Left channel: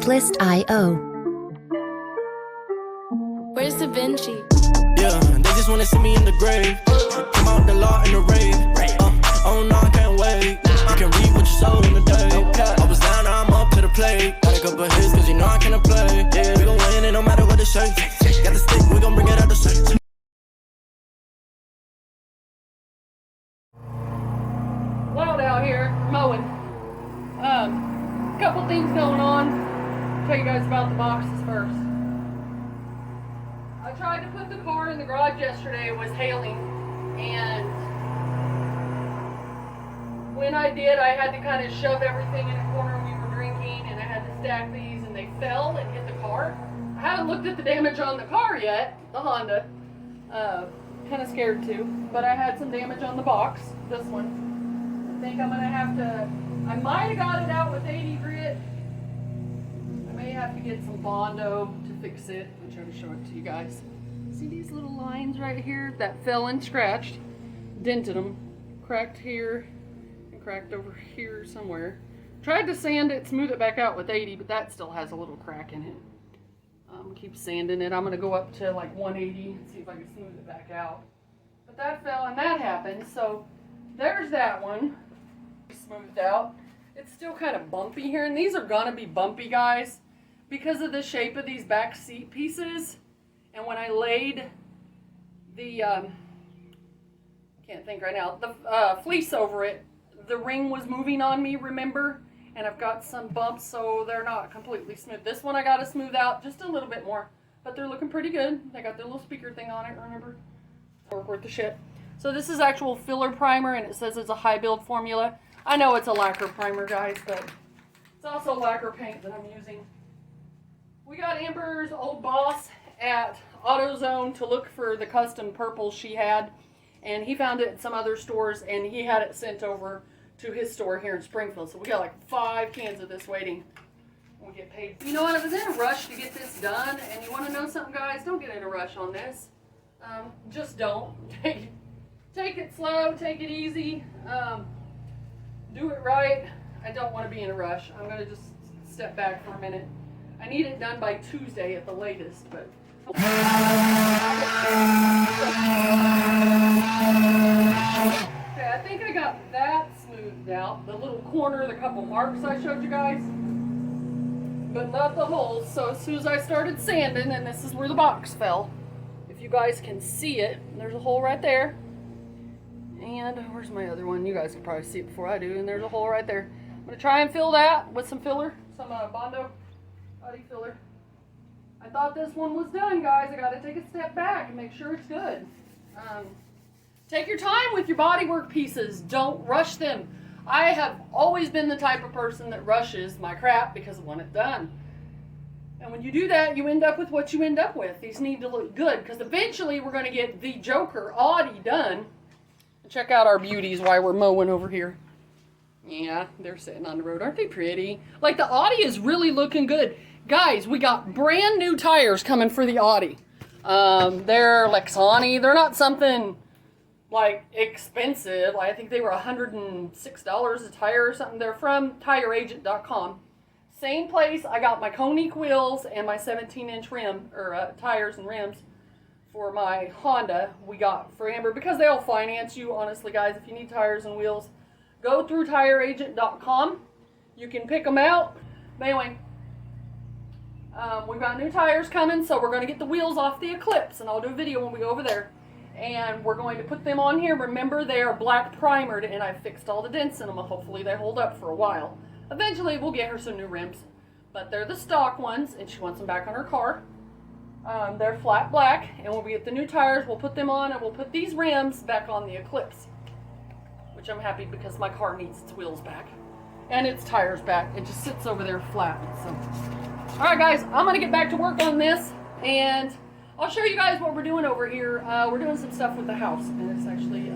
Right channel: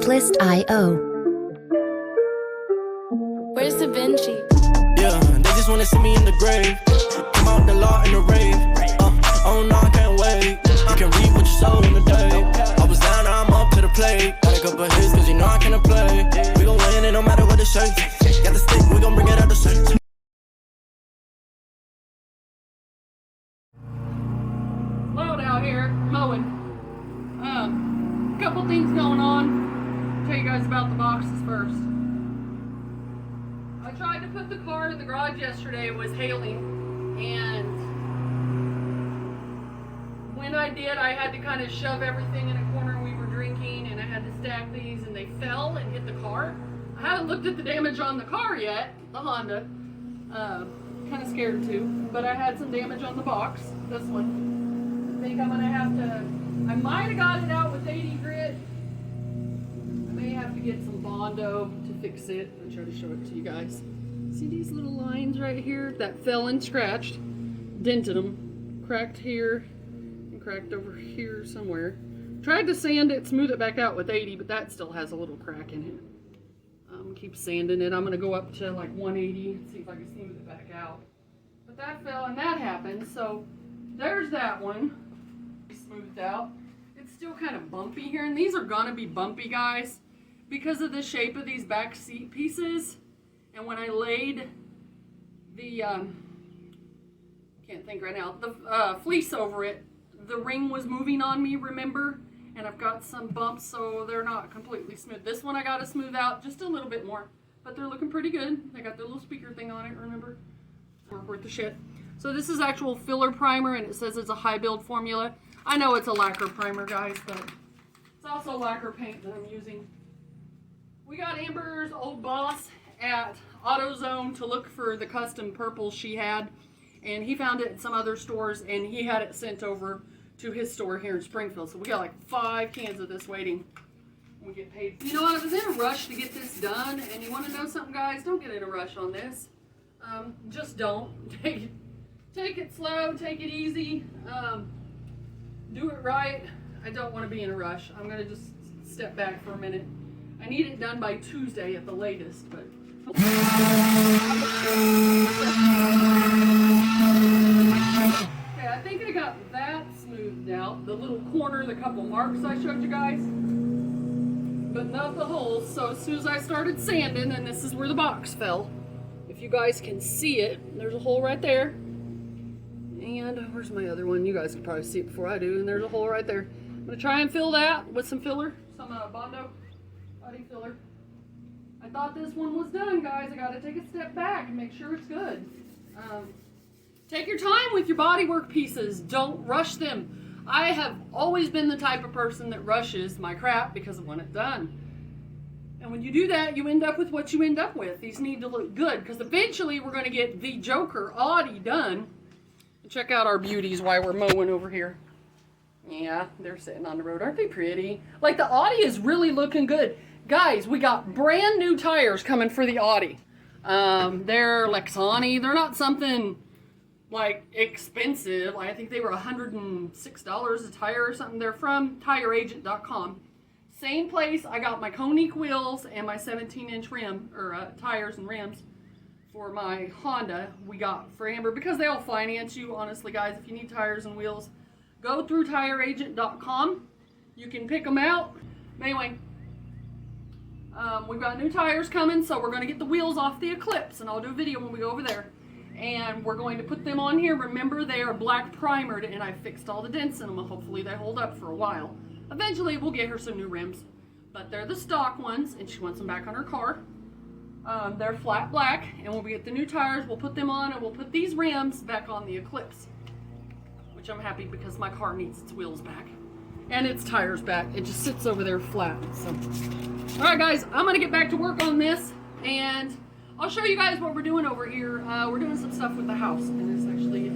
Shiplist.io. Where's Da Vinci? Yeah, they just wanna see me in the grave. Come out the law in the rave. Oh no, I can't wait. You can read what you sow in the day. I was down, now I'm up to the plate. Got a couple hits, cause you know I cannot play. We gon' win it no matter what the shape. Got the stick, we gon' bring it out the shape. Loud out here, mowing. Couple things going on. Tell you guys about the boxes first. I tried to put the car in the garage yesterday. It was hailing, and when I did, I had to kind of shove everything in a corner. We were drinking, and I had to stack these, and they fell and hit the car. I haven't looked at the damage on the car yet, the Honda. Kind of scared too, but I had some damage on the box. This one. I think I'm gonna have to. I might have got it out with 80 grit. I may have to get some Bondo to fix it. I'll try to show it to you guys. See these little lines right here that fell and scratched? Dented them. Cracked here and cracked over here somewhere. Tried to sand it, smooth it back out with 80, but that still has a little crack in it. Keep sanding it. I'm going to go up to like 180 and see if I can smooth it back out. But that fell and that happened, so there's that one. Smoothed out. It's still kind of bumpy here, and these are gonna be bumpy, guys, because of the shape of these back seat pieces. And when I laid the can't think right now, the fleece over it, the ring was moving on me, remember? And I've got some bumps, so they're not completely smooth. This one I got to smooth out just a little bit more, but they're looking pretty good. They got the little speaker thing on it, remember? Work worth the shit. So this is actual filler primer, and it says it's a high build formula. I know it's a lacquer primer, guys, but it's also lacquer paint that I'm using. We got Amber's old boss at AutoZone to look for the custom purple she had, and he found it at some other stores, and he had it sent over to his store here in Springfield. So we got like 5 cans of this waiting when we get paid. You know what, I was in a rush to get this done, and you want to know something, guys? Don't get in a rush on this. Just don't. Take it slow, take it easy. Do it right. I don't want to be in a rush. I'm going to just step back for a minute. I need it done by Tuesday at the latest, but... Okay, I think I got that smoothed out. The little corner, the couple marks I showed you guys. But not the holes. So as soon as I started sanding, and this is where the box fell. If you guys can see it, there's a hole right there. And where's my other one? You guys can probably see it before I do. And there's a hole right there. I'm going to try and fill that with some filler. Some Bondo Audi filler. I thought this one was done, guys. I got to take a step back and make sure it's good. Take your time with your bodywork pieces. Don't rush them. I have always been the type of person that rushes my crap because I want it done. And when you do that, you end up with what you end up with. These need to look good because eventually we're going to get the Joker Audi done. Check out our beauties while we're mowing over here. Yeah, they're sitting on the road. Aren't they pretty? Like, the Audi is really looking good. Guys, we got brand new tires coming for the Audi. They're Lexani. They're not something, like, expensive. I think they were $106 a tire or something. They're from tireagent.com. Same place I got my Koenig wheels and my 17-inch rim, or tires and rims. For my Honda, we got for Amber, because they'll finance you, honestly, guys. If you need tires and wheels, go through tireagent.com. You can pick them out. Anyway, we've got new tires coming, so we're going to get the wheels off the Eclipse, and I'll do a video when we go over there. And we're going to put them on here. Remember, they are black primered, and I fixed all the dents in them. Hopefully, they hold up for a while. Eventually, we'll get her some new rims, but they're the stock ones, and she wants them back on her car. They're flat black, and when we get the new tires, we'll put them on, and we'll put these rims back on the Eclipse, which I'm happy because my car needs its wheels back and its tires back. It just sits over there flat. So, all right, guys, I'm gonna get back to work on this, and I'll show you guys what we're doing over here. We're doing some stuff with the house, and it's actually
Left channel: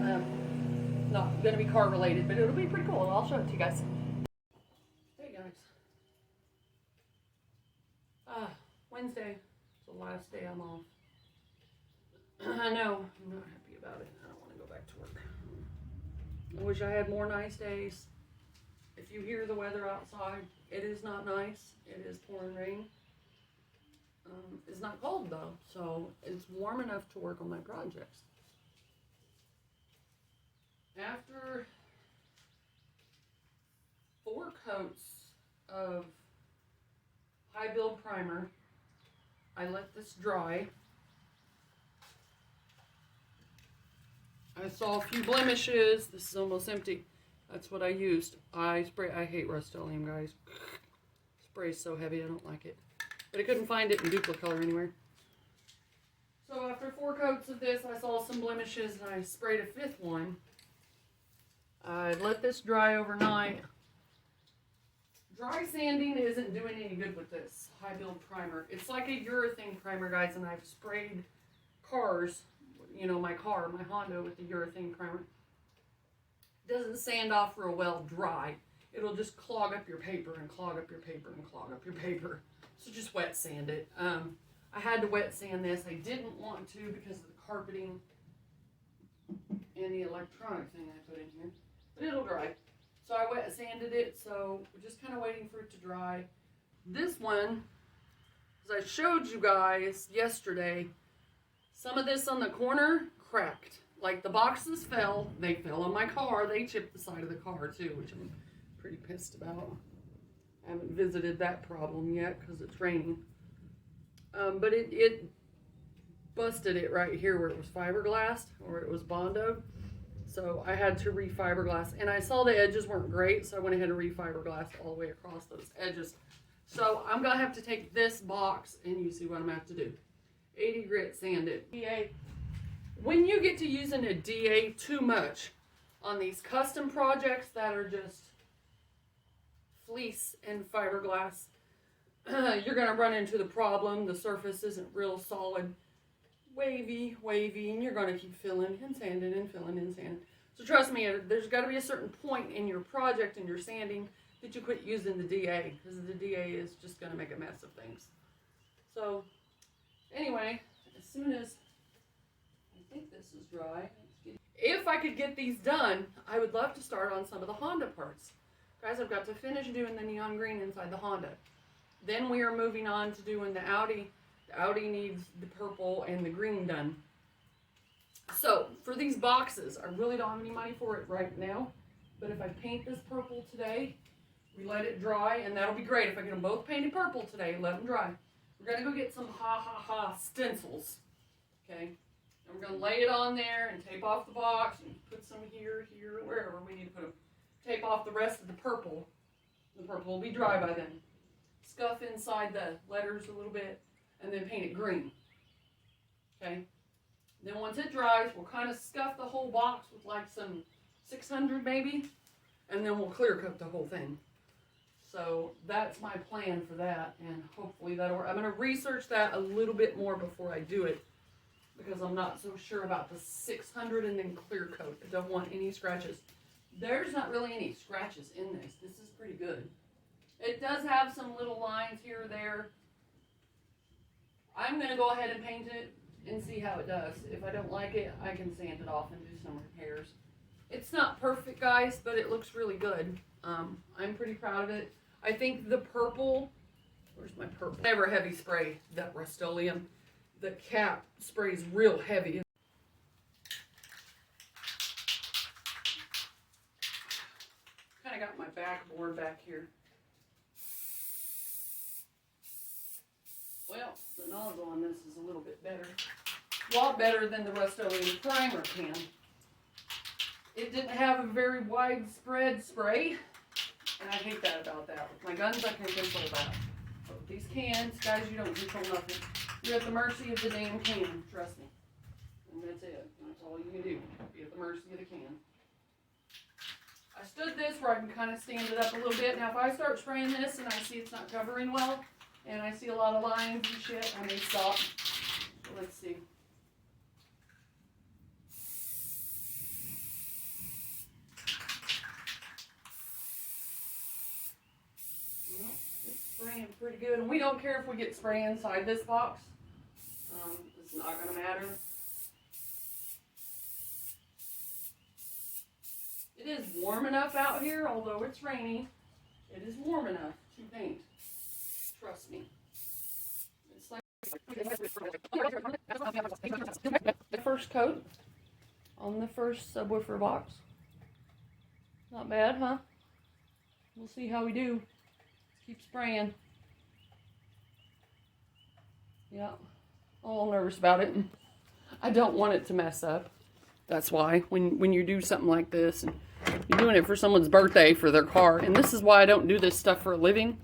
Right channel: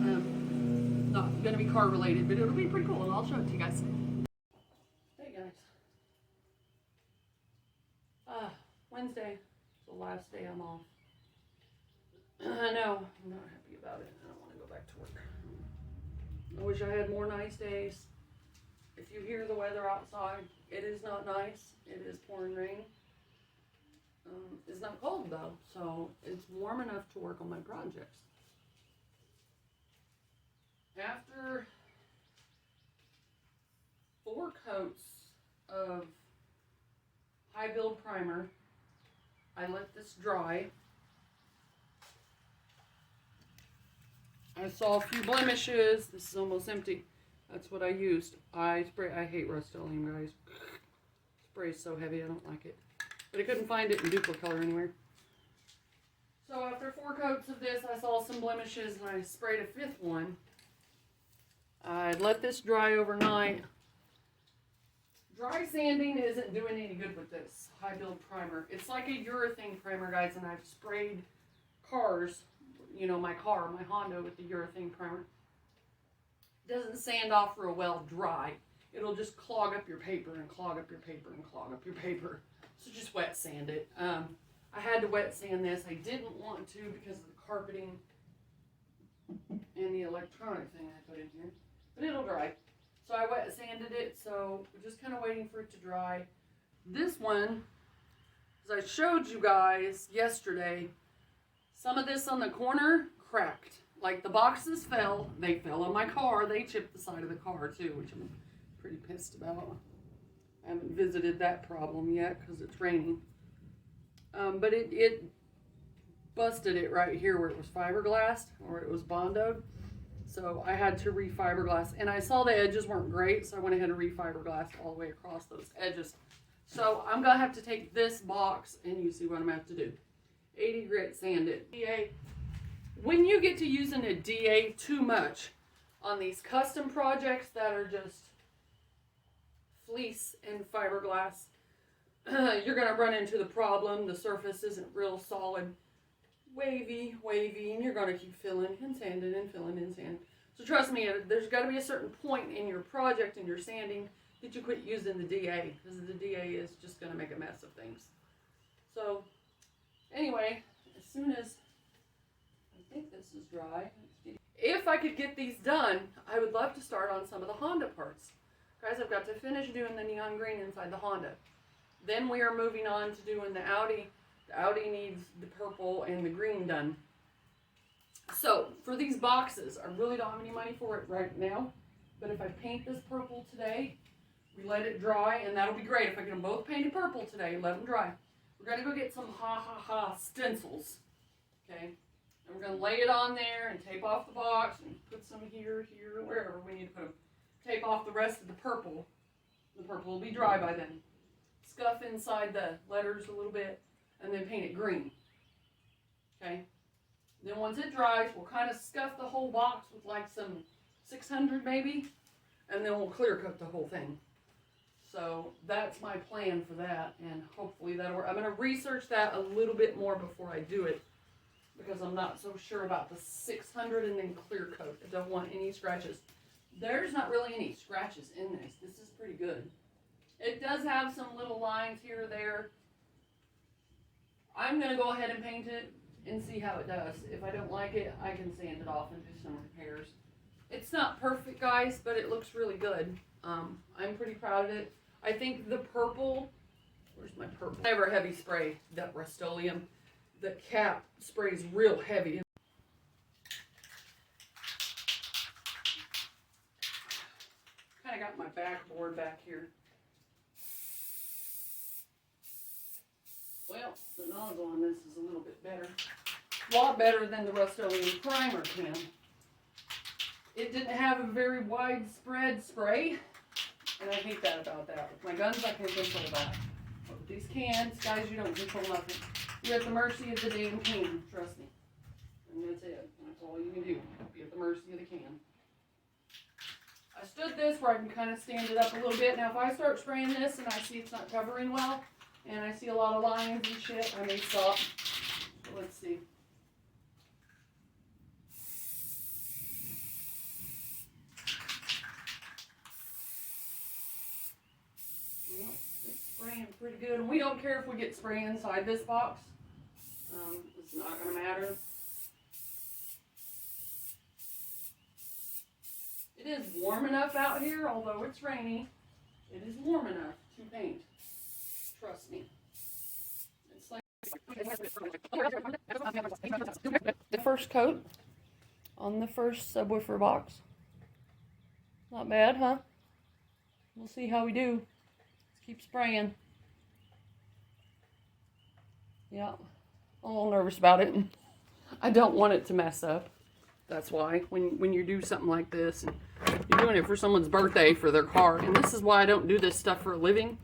not gonna be car related, but it'll be pretty cool, and I'll show it to you guys. Hey, guys. Wednesday. The last day I'm off. I know, I'm not happy about it. I don't want to go back to work. I wish I had more nice days. If you hear the weather outside, it is not nice. It is pouring rain. It's not cold though, so it's warm enough to work on my projects. After 4 coats of high build primer, I let this dry. I saw a few blemishes. This is almost empty. That's what I used. I hate Rust-Oleum, guys. Spray is so heavy, I don't like it. But I couldn't find it in Dupli-Color anywhere. So after 4 coats of this, I saw some blemishes and I sprayed a 5th one. I let this dry overnight. Dry sanding isn't doing any good with this high build primer. It's like a urethane primer, guys, and I've sprayed cars, you know, my Honda with the urethane primer. It doesn't sand off real well dry. It'll just clog up your paper and clog up your paper and clog up your paper. So just wet sand it. I had to wet sand this. I didn't want to because of the carpeting and the electronic thing I put in here. But it'll dry. So I wet sanded it, so we're just kind of waiting for it to dry. This one, as I showed you guys yesterday, some of this on the corner cracked. Like the boxes fell. They fell on my car. They chipped the side of the car too, which I'm pretty pissed about. I haven't visited that problem yet because it's raining. But it busted it right here where it was fiberglass, where it was Bondoed. So I had to re-fiberglass, and I saw the edges weren't great, so I went ahead and re-fiberglassed all the way across those edges. So I'm gonna have to take this box, and you see what I'm gonna have to do. 80 grit sand it. DA. When you get to using a DA too much on these custom projects that are just fleece and fiberglass, you're gonna run into the problem. The surface isn't real solid. Wavy, and you're going to keep filling and sanding and filling and sanding. So trust me, there's got to be a certain point in your project and your sanding that you quit using the DA, because the DA is just going to make a mess of things. So anyway, as soon as I think this is dry, if I could get these done, I would love to start on some of the Honda parts. Guys, I've got to finish doing the neon green inside the Honda. Then we are moving on to doing the Audi. The Audi needs the purple and the green done. So for these boxes, I really don't have any money for it right now. But if I paint this purple today, we let it dry, and that'll be great. If I get them both painted purple today, let them dry. We're going to go get some stencils. Okay? And we're going to lay it on there and tape off the box and put some here, wherever we need to put them. Tape off the rest of the purple. The purple will be dry by then. Scuff inside the letters a little bit. And then paint it green. Okay? Then once it dries, we'll kind of scuff the whole box with like some 600 maybe. And then we'll clear coat the whole thing. So that's my plan for that. And hopefully that'll work. I'm going to research that a little bit more before I do it. Because I'm not so sure about the 600 and then clear coat. I don't want any scratches. There's not really any scratches in this. This is pretty good. It does have some little lines here or there. I'm going to go ahead and paint it and see how it does. If I don't like it, I can sand it off and do some repairs. It's not perfect, guys, but it looks really good. I'm pretty proud of it. I think the purple, where's my purple? Never heavy spray, that Rust-Oleum. The cap sprays real heavy. Kind of got my backboard back here. Well, the nozzle on this is a little bit better. A lot better than the Rust-Oleum primer can. It didn't have a very widespread spray, and I hate that about that. With my guns, I can control that. But with these cans, guys, you don't control nothing. You're at the mercy of the damn can, trust me. And that's it. And that's all you can do. Be at the mercy of the can. I stood this where I can kind of stand it up a little bit. Now, if I start spraying this and I see it's not covering well, and I see a lot of lines and shit, I may stop. So let's see. Well, it's spraying pretty good. And we don't care if we get spray inside this box. It's not going to matter. It is warm enough out here, although it's rainy. It is warm enough to paint. Trust me. It's like the first coat on the first subwoofer box. Not bad, huh? We'll see how we do. Keep spraying. Yeah, I'm a little nervous about it. I don't want it to mess up. That's why when you do something like this, and you're doing it for someone's birthday for their car, and this is why I don't do this stuff for a living.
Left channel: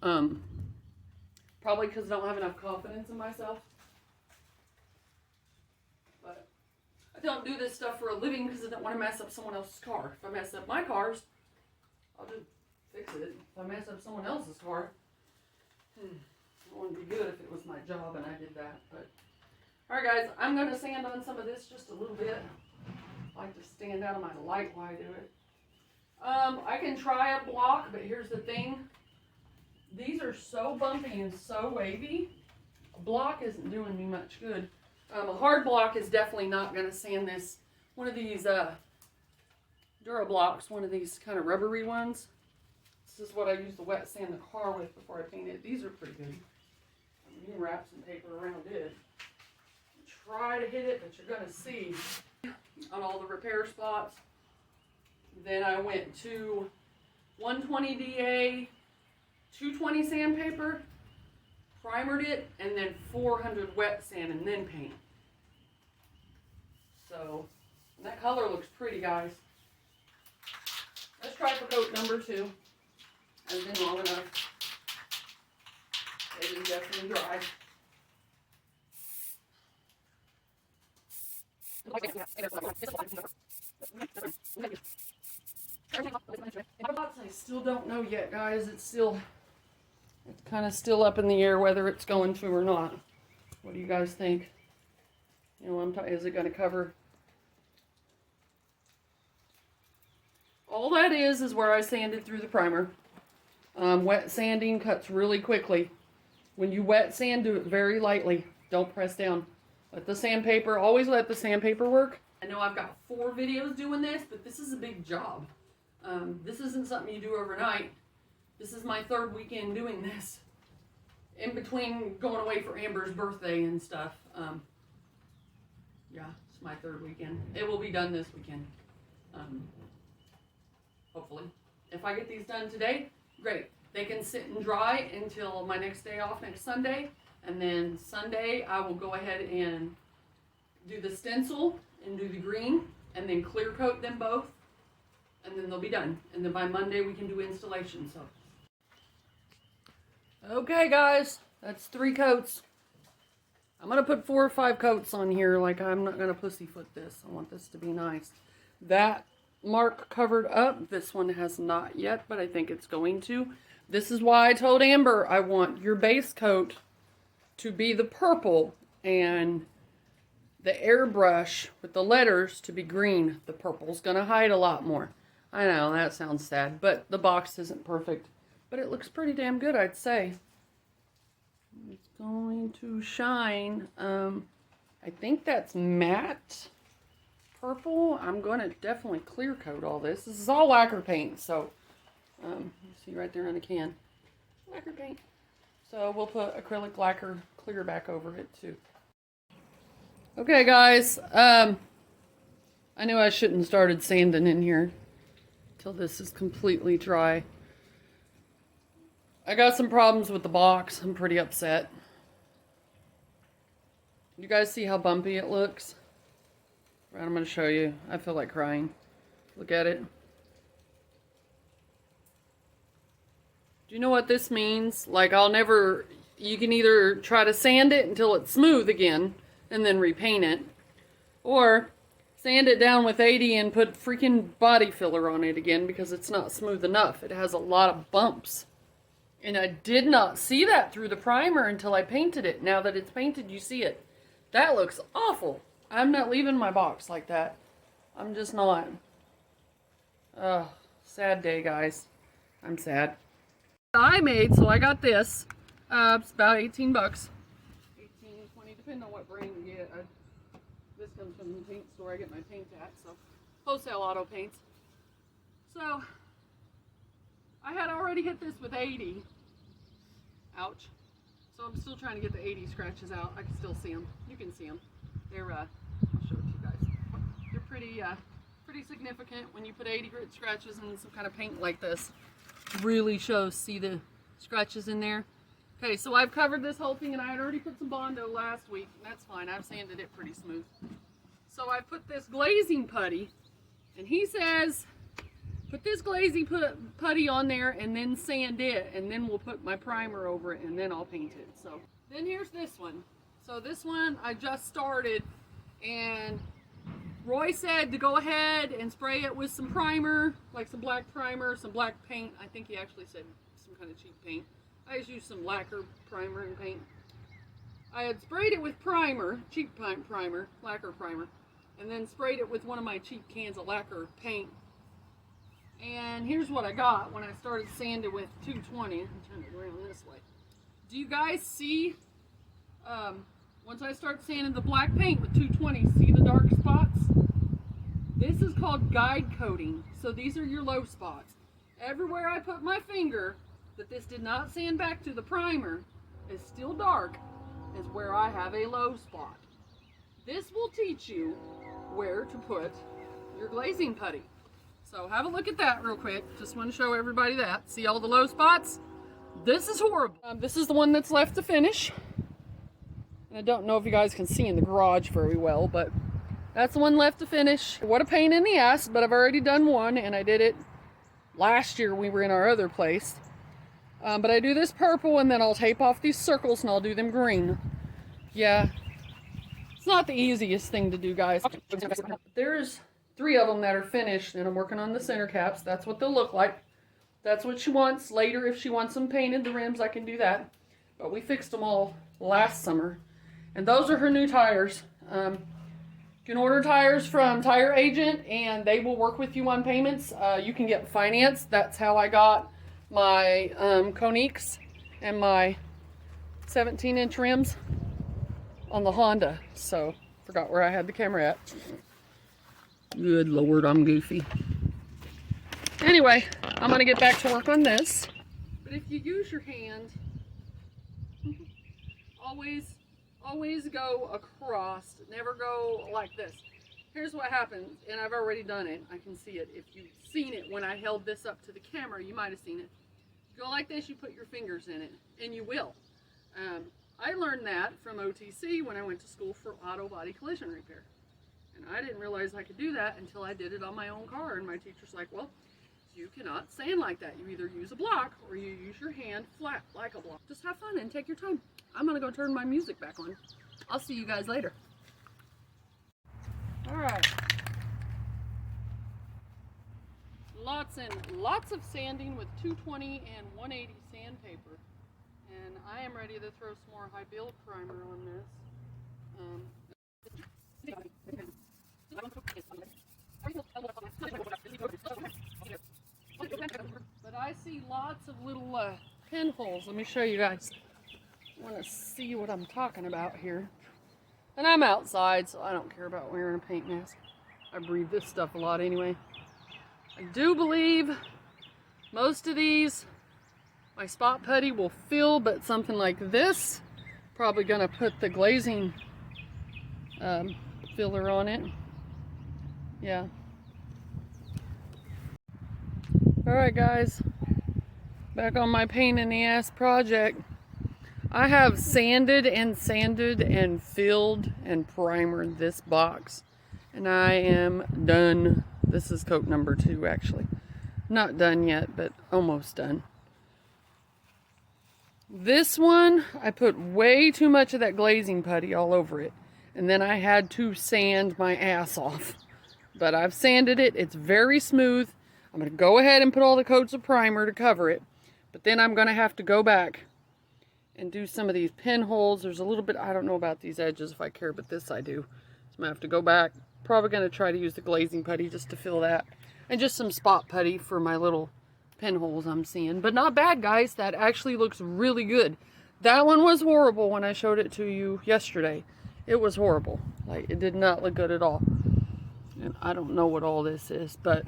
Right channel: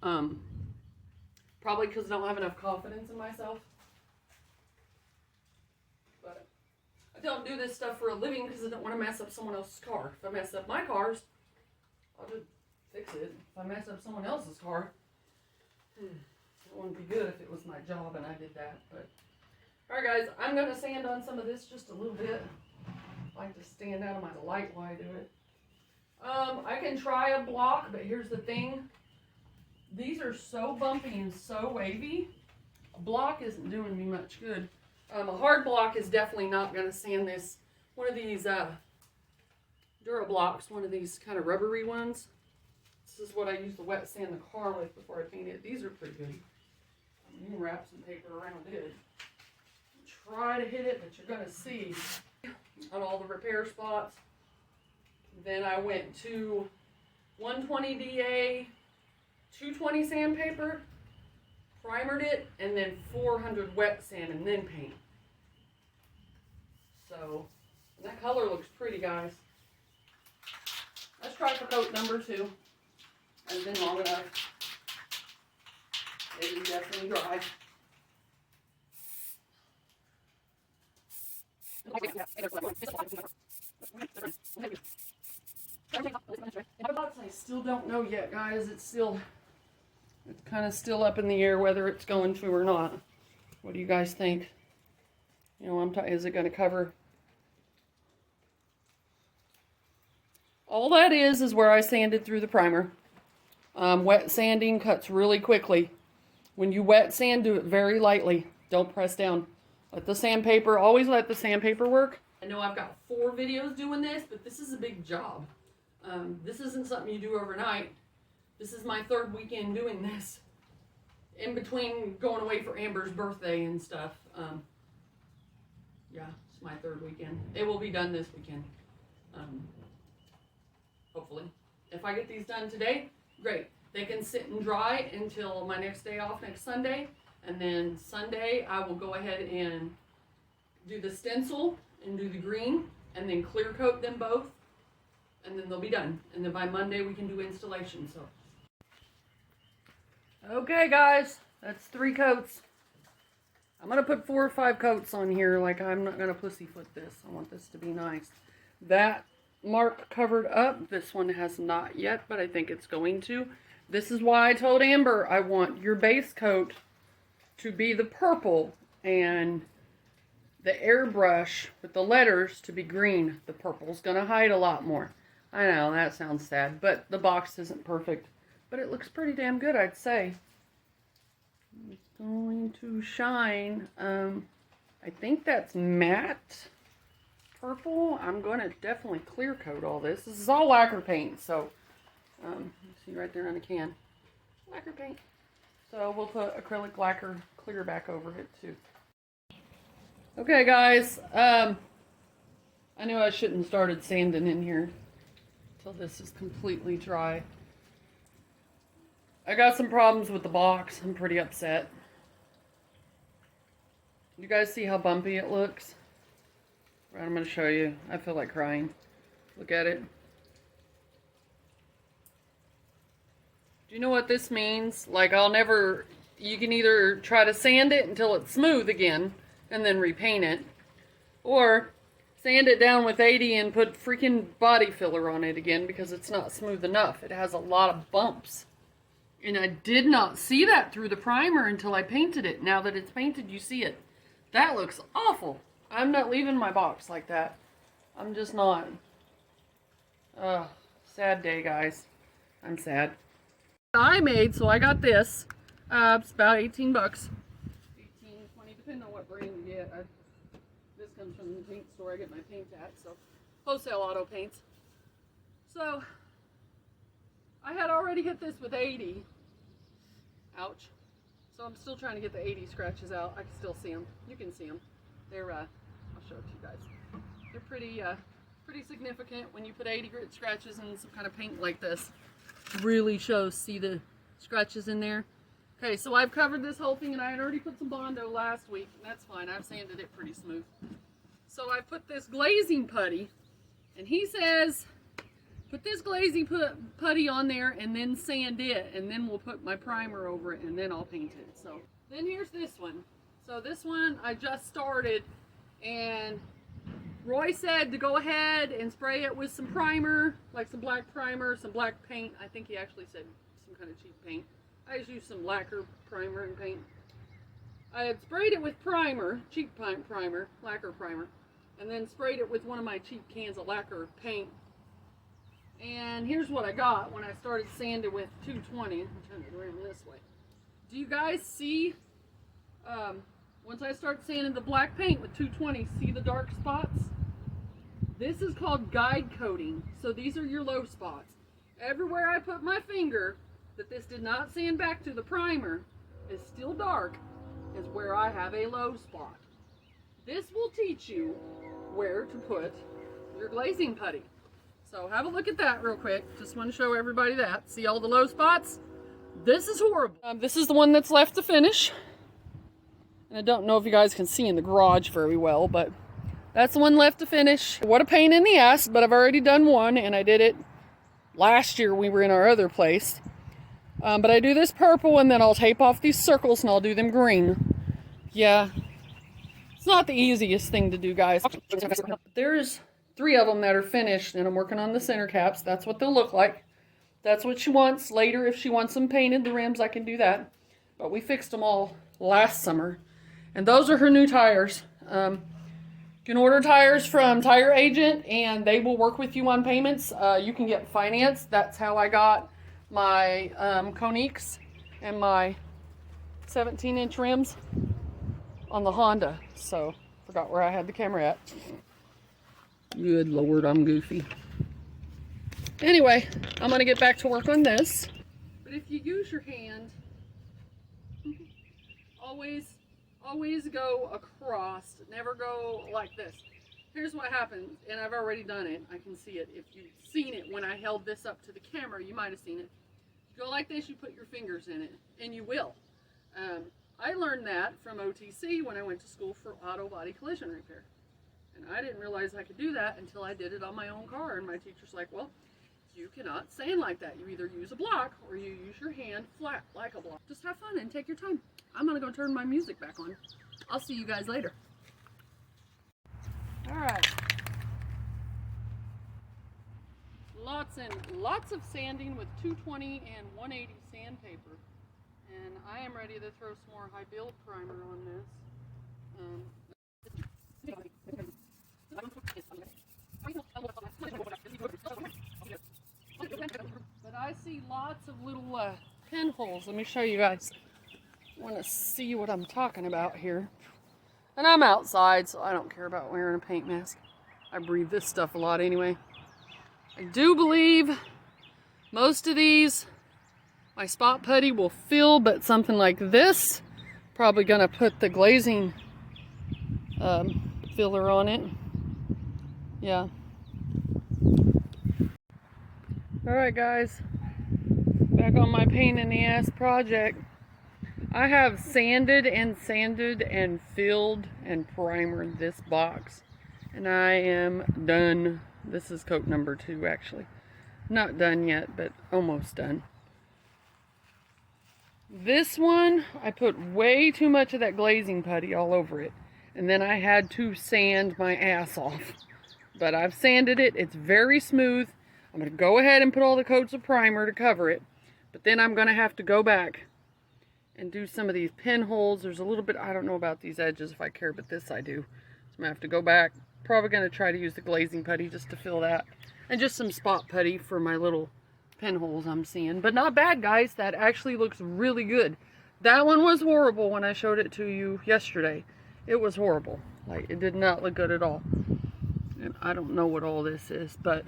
Probably because I don't have enough confidence in myself. But I don't do this stuff for a living because I don't want to mess up someone else's car. If I mess up my cars, I'll just fix it. If I mess up someone else's car, it wouldn't be good if it was my job and I did that. But alright guys, I'm going to sand on some of this just a little bit. I like to stand out of my light while I do it. I can try a block, but here's the thing. These are so bumpy and so wavy. A block isn't doing me much good. A hard block is definitely not going to sand this. One of these Dura blocks, one of these kind of rubbery ones. This is what I use to wet sand the car with before I paint it. These are pretty good. You can wrap some paper around it. Try to hit it, but you're going to see on all the repair spots. Then I went to 120 DA, 220 sandpaper, primered it, and then 400 wet sand, and then paint. So, and that color looks pretty, guys. Let's try for coat number 2. Hasn't been long enough. It is definitely dry. I still don't know yet, guys. It's kind of still up in the air whether it's going to or not. What do you guys think? You know, is it going to cover? All that is where I sanded through the primer. Wet sanding cuts really quickly. When you wet sand, do it very lightly. Don't press down. Let the sandpaper, always let the sandpaper work. I know I've got 4 videos doing this, but this is a big job. This isn't something you do overnight. This is my 3rd weekend doing this. In between going away for Amber's birthday and stuff. Yeah, it's my 3rd weekend. It will be done this weekend. Hopefully. If I get these done today, great. They can sit and dry until my next day off next Sunday. And then Sunday, I will go ahead and do the stencil and do the green. And then clear coat them both. And then they'll be done. And then by Monday, we can do installation. So, okay, guys. That's 3 coats. I'm going to put 4 or 5 coats on here. Like, I'm not going to pussyfoot this. I want this to be nice. That mark covered up. This one has not yet, but I think it's going to. This is why I told Amber I want your base coat to be the purple and the airbrush with the letters to be green. The purple's going to hide a lot more. I know, that sounds sad, but the box isn't perfect. But it looks pretty damn good, I'd say. It's going to shine. I think that's matte purple. I'm going to definitely clear coat all this. This is all lacquer paint, so you see right there on the can. Lacquer paint. So we'll put acrylic lacquer clear back over it too. Okay, guys. I knew I shouldn't have started sanding in here till this is completely dry. I got some problems with the box. I'm pretty upset. You guys see how bumpy it looks? Right, I'm going to show you. I feel like crying. Look at it. Do you know what this means? Like, you can either try to sand it until it's smooth again and then repaint it, or sand it down with 80 and put freaking body filler on it again because it's not smooth enough. It has a lot of bumps. And I did not see that through the primer until I painted it. Now that it's painted, you see it. That looks awful. I'm not leaving my box like that. I'm just not. Ugh, sad day, guys. I'm sad. I made, so I got this. It's about 18 bucks. 18, 20, depending on what brand you get. This comes from the paint store I get my paint at, so wholesale auto paints. So I had already hit this with 80. Ouch. So I'm still trying to get the 80 scratches out. I can still see them. You can see them. They're, I'll show it to you guys. They're pretty significant when you put 80 grit scratches in some kind of paint like this. Really shows, see the scratches in there? Okay, so I've covered this whole thing, and I had already put some Bondo last week. That's fine. I've sanded it pretty smooth. So I put this glazing putty, and he says, put this glazing putty on there and then sand it, and then we'll put my primer over it, and then I'll paint it. So then here's this one. So this one I just started, and Roy said to go ahead and spray it with some primer, like some black primer, some black paint. I think he actually said some kind of cheap paint. I just used some lacquer primer and paint. I had sprayed it with primer, cheap primer, lacquer primer, and then sprayed it with one of my cheap cans of lacquer paint. And here's what I got when I started sanding with 220. I'll turn it around this way. Do you guys see, once I start sanding the black paint with 220, see the dark spots? This is called guide coating. So these are your low spots. Everywhere I put my finger that this did not sand back to the primer is still dark is where I have a low spot. This will teach you where to put your glazing putty. So have a look at that real quick. Just want to show everybody that. See all the low spots? This is horrible. This is the one that's left to finish. And I don't know if you guys can see in the garage very well, but that's the one left to finish. What a pain in the ass, but I've already done one, and I did it last year. We were in our other place. But I do this purple, and then I'll tape off these circles, and I'll do them green. Yeah, it's not the easiest thing to do, guys. There's 3 of them that are finished, and I'm working on the center caps. That's what they'll look like. That's what she wants. Later, if she wants them painted, the rims, I can do that. But we fixed them all last summer. And those are her new tires. You can order tires from Tire Agent, and they will work with you on payments. You can get finance. That's how I got my Koniks and my 17-inch rims on the Honda. So, forgot where I had the camera at. Good Lord, I'm goofy. Anyway, I'm going to get back to work on this. But if you use your hand, always go across. Never go like this. Here's what happens, and I've already done it. I can see it. If you've seen it when I held this up to the camera, you might have seen it. You go like this, you put your fingers in it, and you will. I learned that from OTC when I went to school for auto body collision repair. And I didn't realize I could do that until I did it on my own car. And my teacher's like, well, you cannot sand like that. You either use a block or you use your hand flat like a block. Just have fun and take your time. I'm going to go turn my music back on. I'll see you guys later. All right. Lots and lots of sanding with 220 and 180 sandpaper. And I am ready to throw some more high build primer on this. But I see lots of little pinholes. Let me show you guys. I want to see what I'm talking about here. And I'm outside, so I don't care about wearing a paint mask. I breathe this stuff a lot anyway. I do believe most of these my spot putty will fill, but something like this, probably gonna put the glazing filler on it. Yeah. Alright guys, back on my pain in the ass project. I have sanded and filled and primered this box, and I am done. This is coat number 2 actually. Not done yet, but almost done. This one, I put way too much of that glazing putty all over it. And then I had to sand my ass off. But I've sanded it. It's very smooth. I'm going to go ahead and put all the coats of primer to cover it. But then I'm going to have to go back and do some of these pinholes. There's a little bit, I don't know about these edges if I care, but this I do. So I'm going to have to go back. Probably going to try to use the glazing putty just to fill that. And just some spot putty for my little pinholes I'm seeing. But not bad, guys. That actually looks really good. That one was horrible when I showed it to you yesterday. It was horrible. Like, it did not look good at all. And I don't know what all this is, but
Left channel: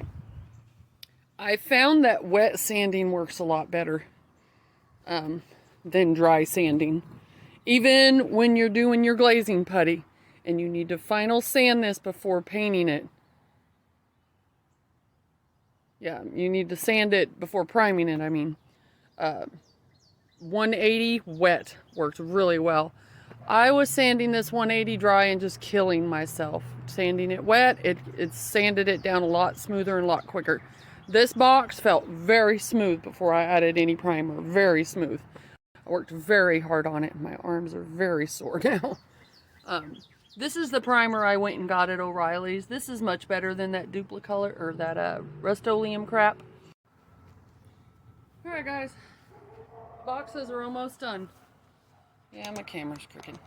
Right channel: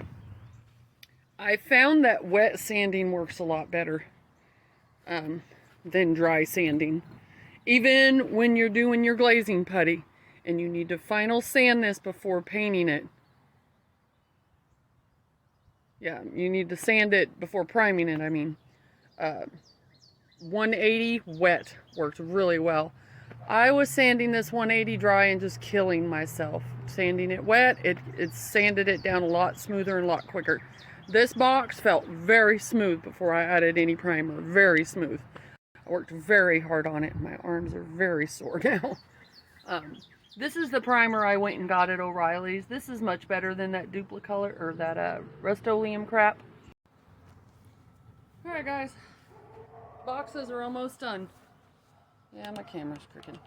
I found that wet sanding works a lot better than dry sanding. Even when you're doing your glazing putty and you need to final sand this before painting it. Yeah, you need to sand it before priming it, I mean. 180 wet works really well. I was sanding this 180 dry and just killing myself. Sanding it wet, it sanded it down a lot smoother and a lot quicker. This box felt very smooth before I added any primer. Very smooth. I worked very hard on it. My arms are very sore now. This is the primer I went and got at O'Reilly's. This is much better than that Duplicolor or that Rust-Oleum crap. Alright guys, boxes are almost done. Yeah, my camera's crooked.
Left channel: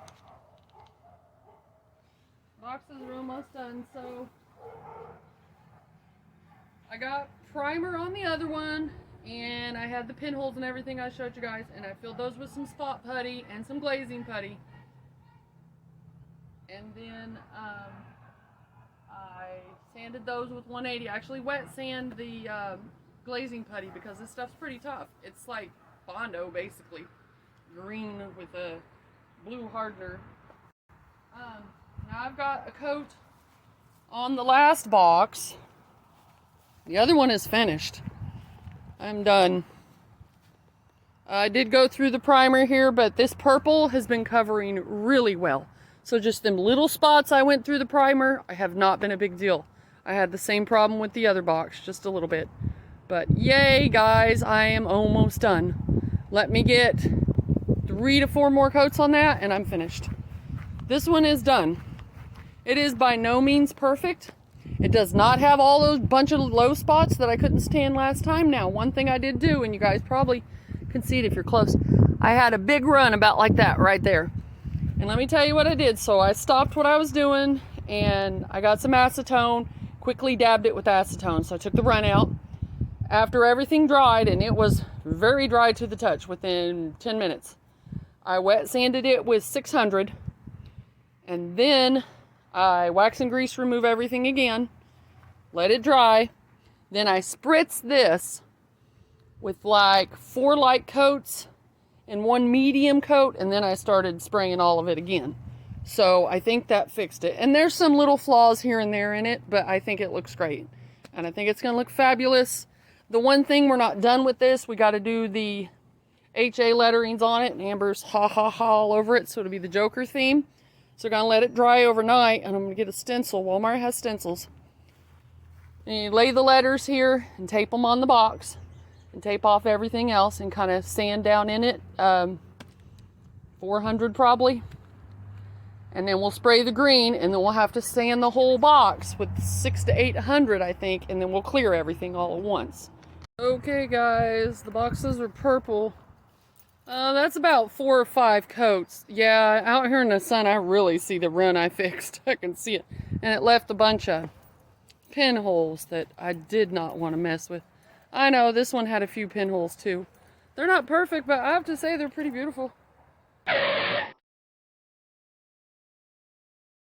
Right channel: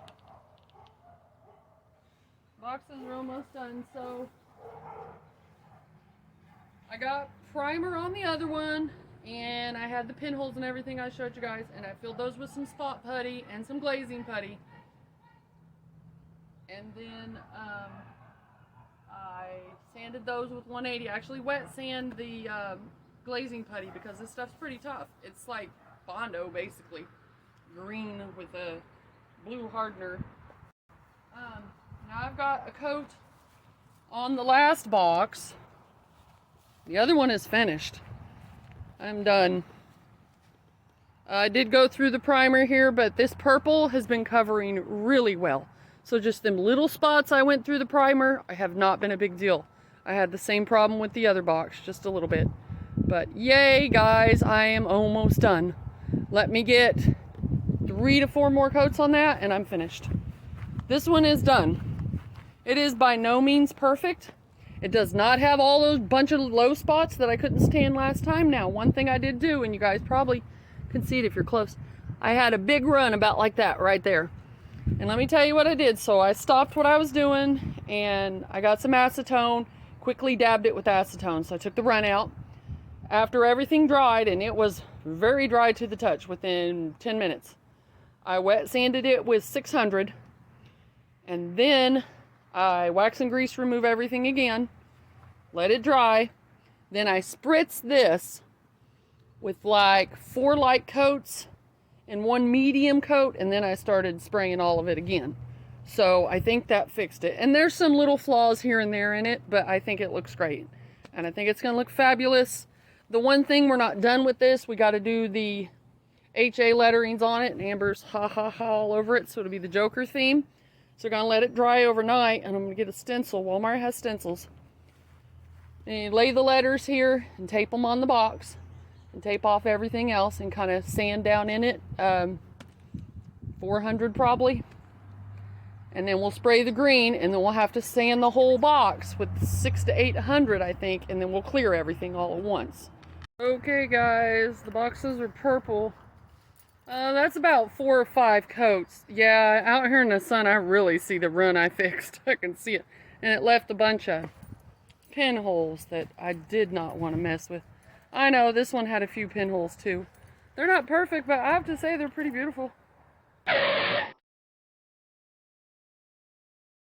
Boxes are almost done, so I got primer on the other one, and I had the pinholes and everything I showed you guys, and I filled those with some spot putty and some glazing putty. And then I sanded those with 180. I actually wet sand the glazing putty because this stuff's pretty tough. It's like Bondo, basically. Green with a blue hardener. Now I've got a coat on the last box. The other one is finished. I'm done. I did go through the primer here, but this purple has been covering really well. So just them little spots I went through the primer, I have not been a big deal. I had the same problem with the other box, just a little bit. But yay, guys, I am almost done. Let me get 3 to 4 more coats on that, and I'm finished. This one is done. It is by no means perfect. It does not have all those bunch of low spots that I couldn't stand last time. Now, one thing I did do, and you guys probably can see it if you're close, I had a big run about like that right there. And let me tell you what I did. So I stopped what I was doing and I got some acetone, quickly dabbed it with acetone. So I took the run out. After everything dried, and it was very dry to the touch within 10 minutes, I wet sanded it with 600, and then I wax and grease remove everything again, let it dry, then I spritzed this with like 4 light coats and 1 medium coat, and then I started spraying all of it again. So I think that fixed it. And there's some little flaws here and there in it, but I think it looks great. And I think it's going to look fabulous. The one thing we're not done with this, we got to do the HA letterings on it, and Amber's ha ha ha all over it, so it'll be the Joker theme. So we're going to let it dry overnight, and I'm going to get a stencil. Walmart has stencils. And you lay the letters here and tape them on the box. And tape off everything else and kind of sand down in it, 400 probably, and then we'll spray the green, and then we'll have to sand the whole box with 600 to 800 I think, and then we'll clear everything all at once. Okay guys, the boxes are purple. That's about 4 or 5 coats. Yeah, out here in the sun I really see the run I fixed. I can see it, and it left a bunch of pinholes that I did not want to mess with. I know, this one had a few pinholes too. They're not perfect, but I have to say they're pretty beautiful.